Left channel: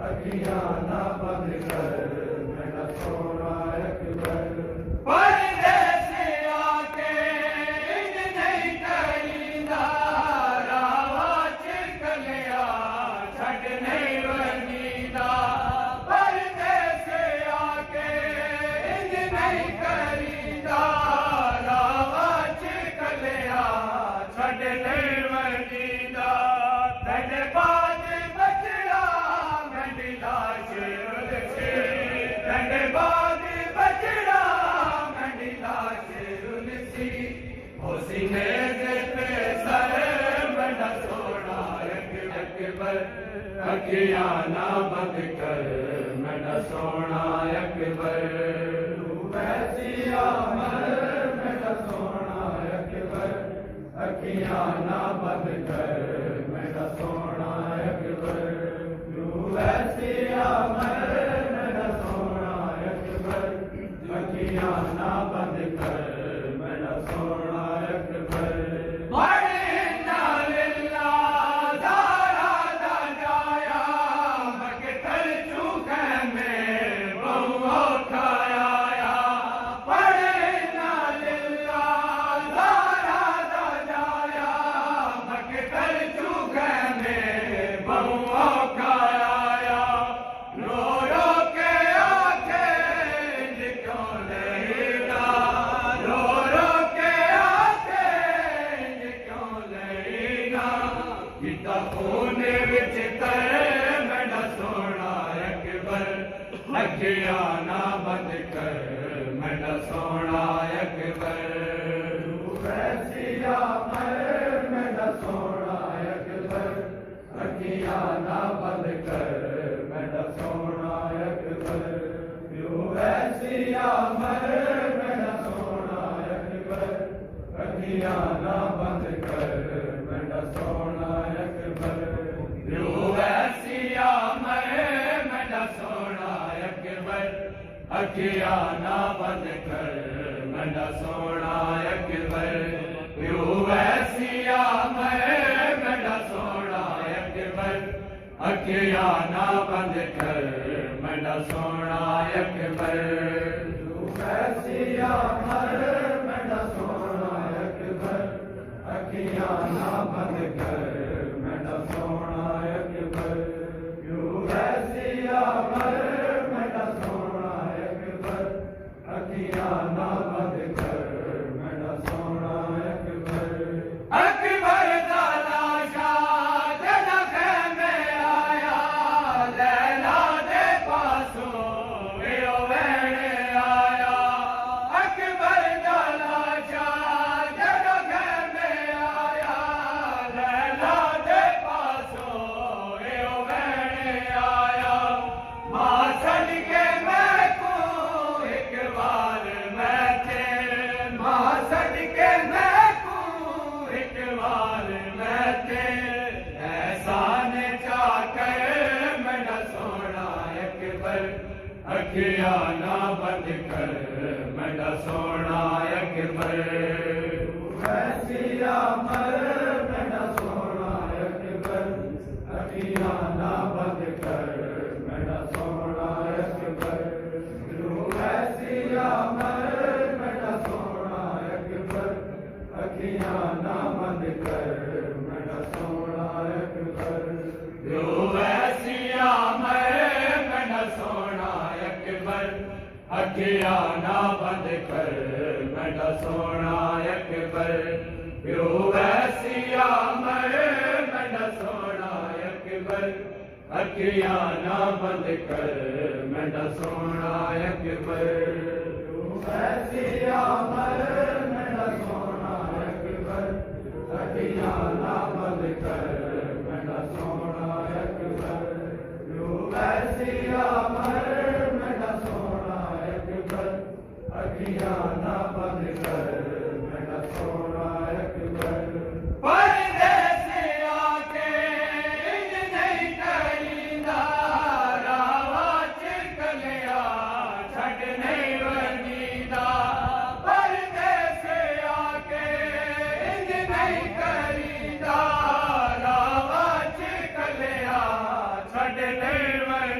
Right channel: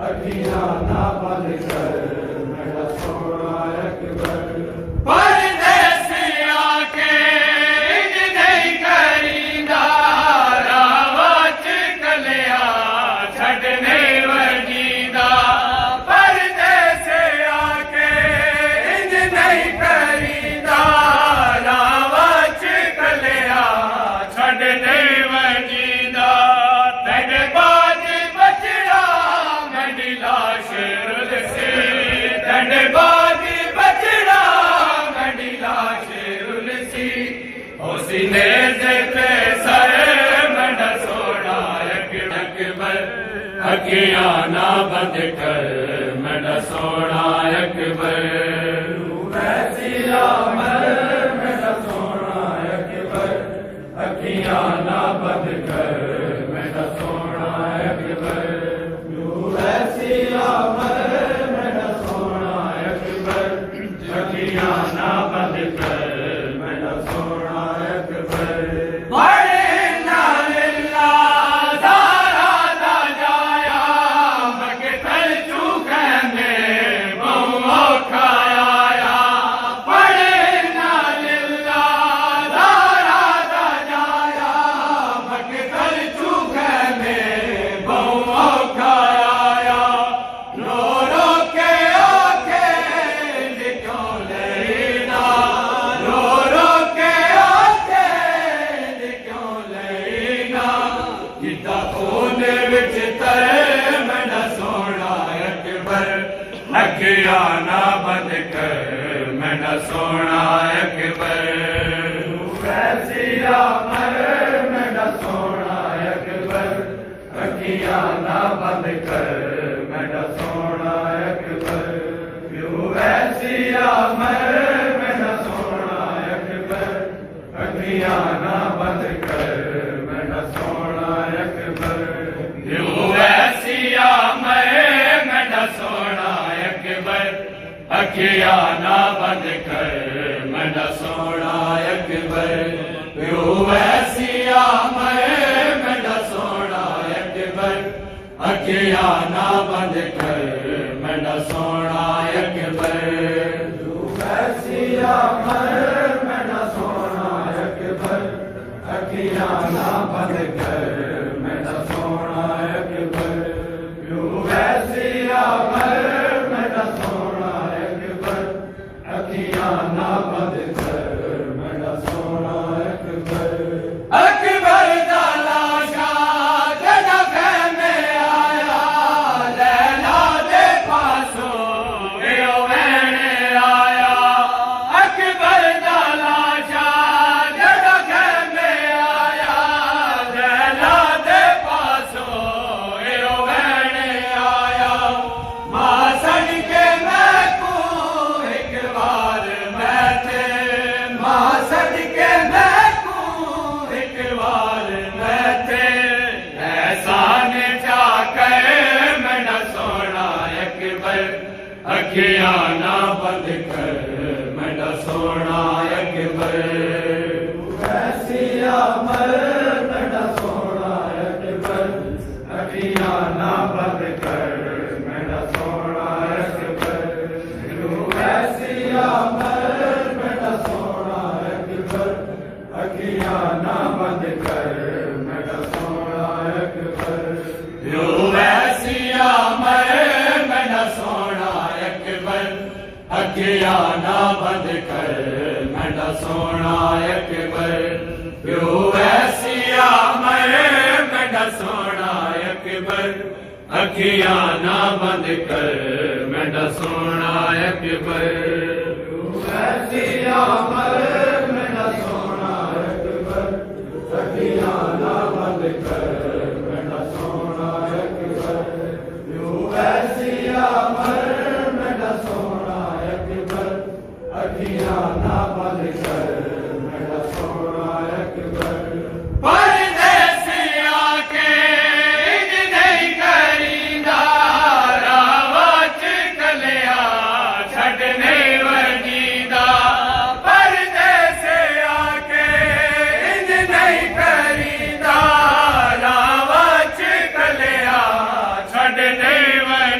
अखियां ना बंद कर मेरा सोना अकबर। परदेसिया के इंज नहीं करींदा रावा च कलिया छड़ने वजीदा। परदेसिया के इंज नहीं करींदा रावा च कलिया छड़ने वजीदा। तेरे बाद बचड़ा मंडला शेर से तेरे बाद बचड़ा मंडला शेरुल सी सीने से सर मंड सोना अकबर। अखियां ना बंद कर मंड सोना अकबर। वैसिया मर मेरा सोना अकबर। अखियां ना बंद कर मेरा सोना अकबर। वैसिया मर मेरा सोना अकबर। अखियां ना बंद कर मेरा सोना अकबर। बड़े नालिल्ला दारा दा जाया मकतल चूखे में बहु खाया। बड़े नालिल्ला दारा दा जाया मकतल चूखे में बहु खाया। रो रो के आखे क्यों लेना रो रो के आखे क्यों लेना। किता खून विच तरे मेरा सोना अकबर। अखियां ना बंद कर मेरा सोना अकबर। वैसिया मर मेरा सोना अकबर। अखियां ना बंद कर मेरा सोना अकबर। वैसिया मर मेरा सोना अकबर। अखियां ना बंद कर मेरा सोना अकबर। वैसिया मैं मेरा सोना अकबर। अखियां ना बंद कर मेरा सोना अकबर। वैसिया मैं मेरा सोना अकबर। अखियां ना बंद कर मेरा सोना अकबर। वैसिया मर मेरा सोना अकबर। अखियां ना बंद कर मेरा सोना अकबर। वैसिया मर मेरा सोना अकबर। अखियां ना बंद कर मेरा सोना अकबर। अकबर दा लाशा जदा खेमे आया लैला दे पासो एओ वैणे आया। अकबर दा लाशा जदा खेमे आया लैला दे पासो एओ वैणे आया। मां सदके मैं को एक बार बैठे मां सदके मैं को एक बार बैठे। एहसान चाकर मेरा सोना अकबर। अखियां ना बंद कर मेरा सोना अकबर। वैसिया मर मेरा सोना अकबर। अखियां ना बंद कर मेरा सोना अकबर। वैसिया मर मेरा सोना अकबर। अखियां ना बंद कर मेरा सोना अकबर। वैसिया मैं मेरा सोना अकबर। अखियां ना बंद कर मेरा सोना अकबर। वैसिया मैं मेरा सोना अकबर। अखियां ना बंद कर मेरा सोना अकबर। वैसिया मर मेरा सोना अकबर। अखियां ना बंद कर मेरा सोना अकबर। वैसिया मर मेरा सोना अकबर। अखियां ना बंद कर मेरा सोना अकबर। परदेसिया के इंज नहीं करींदा रावा च कलिया छड़ने वजीदा। परदेसिया के इंज नहीं करींदा रावा च कलिया छड़ने वजीदा।